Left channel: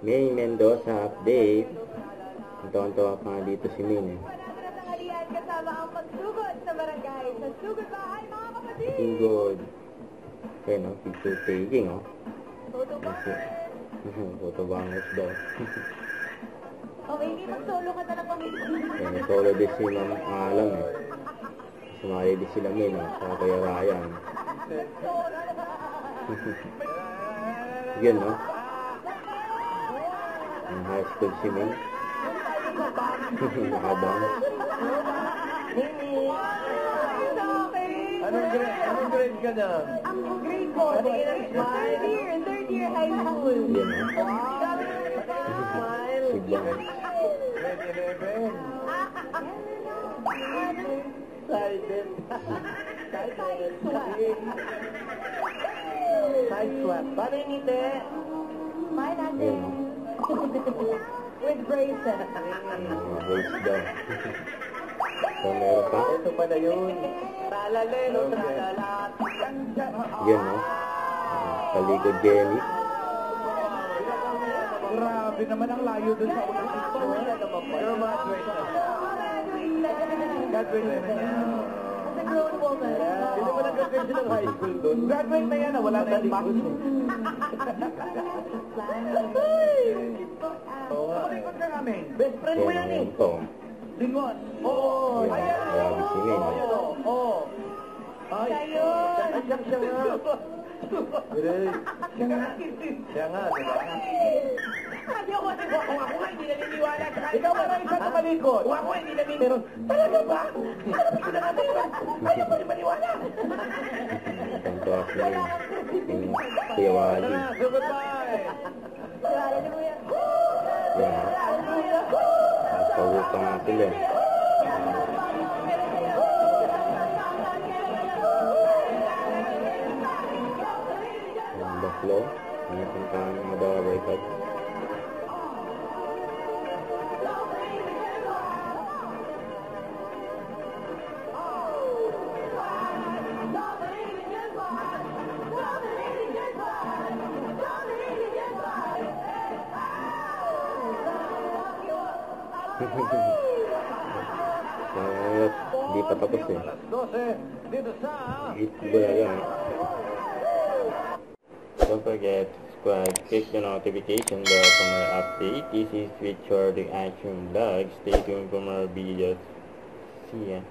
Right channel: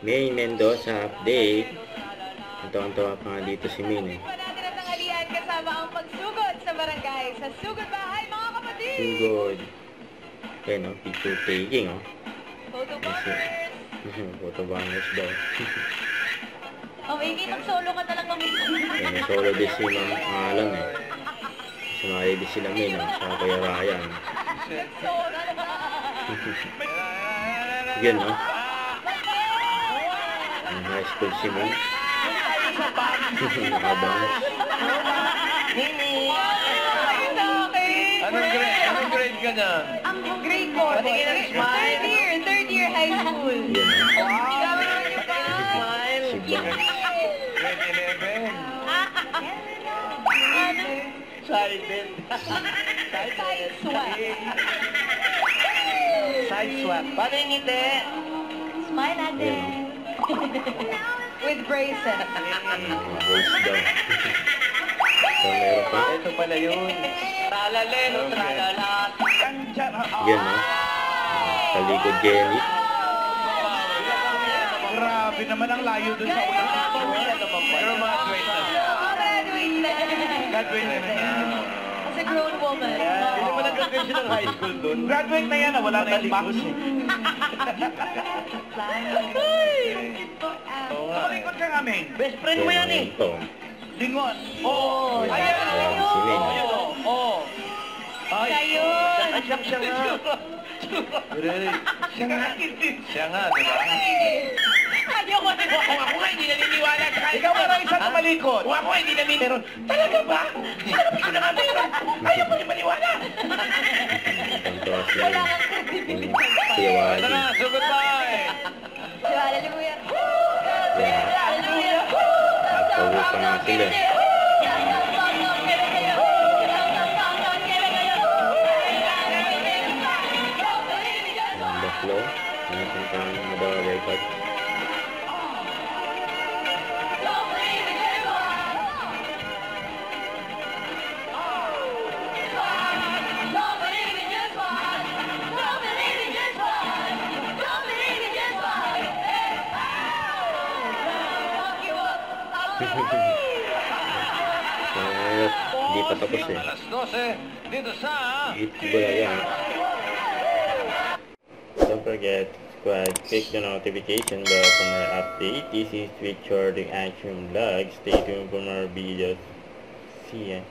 May Mendoza update. Taon-tawa pa nga dito si Min eh. Natin ang tanghalian kasama ang pagsugod sa barangay. Sa Sugod Bahay, mga kapatid! Sugod. Okay, no? Picture taking, oh. Photo bombers! Photo bombers daw. Oh, Amy, mag-solo ka talaga minsan. May solo din si Ma'am Alan eh. Sumali din sila Min, oh. Saka Kuya Ryan. Yan, no? Ang high school si Min. Nakabang. Anong grade ka na? Ang grade 4. Third year high school. Yan, no? Si Blanc. Grade 11. Silent. Side swap. Side swap. Paano yung ngiti? Smile natin. With braces. Voice daw. So, meron pa? Ito pala yun. Tralalelo, tralalat. Yan, no? Kalikod Jenny. Grabe naman ang layo dun sa ulang dito. Pero graduate na. Graduate na. As a grown woman. Hindi mo nag-graduate siya ng high school dun. Graduate na yan, wala na yung box. Malikot ka nga, Ming. Best friend mo yan eh. Lingon. Oo. Ayan, si Min. Oo. Kayo. Siya nga. Siya nga. Siya nga, diba? Ayoko na. Kung ako nga hindi naniniwala. Ikaw nga lang isang malikot. Kung ako nga hindi naniniwala. Talaga ba? Sabi ko na nga meron. Ayaw mo yung maniwala. Tantawa si Min. Kuya Ito Wadi. na, so goodbye. Hallelujah. Yan. Hallelujah. Nagpawag pa nga sila. Ang baklo. Napuntahan ng Madawa Record. Hindi pa tapos eh. Alas 12 dito sa Yan. Don't forget to subscribe, click the notification bell for more update. This is Richard the Action Vlog. Stay tuned for more videos. See ya.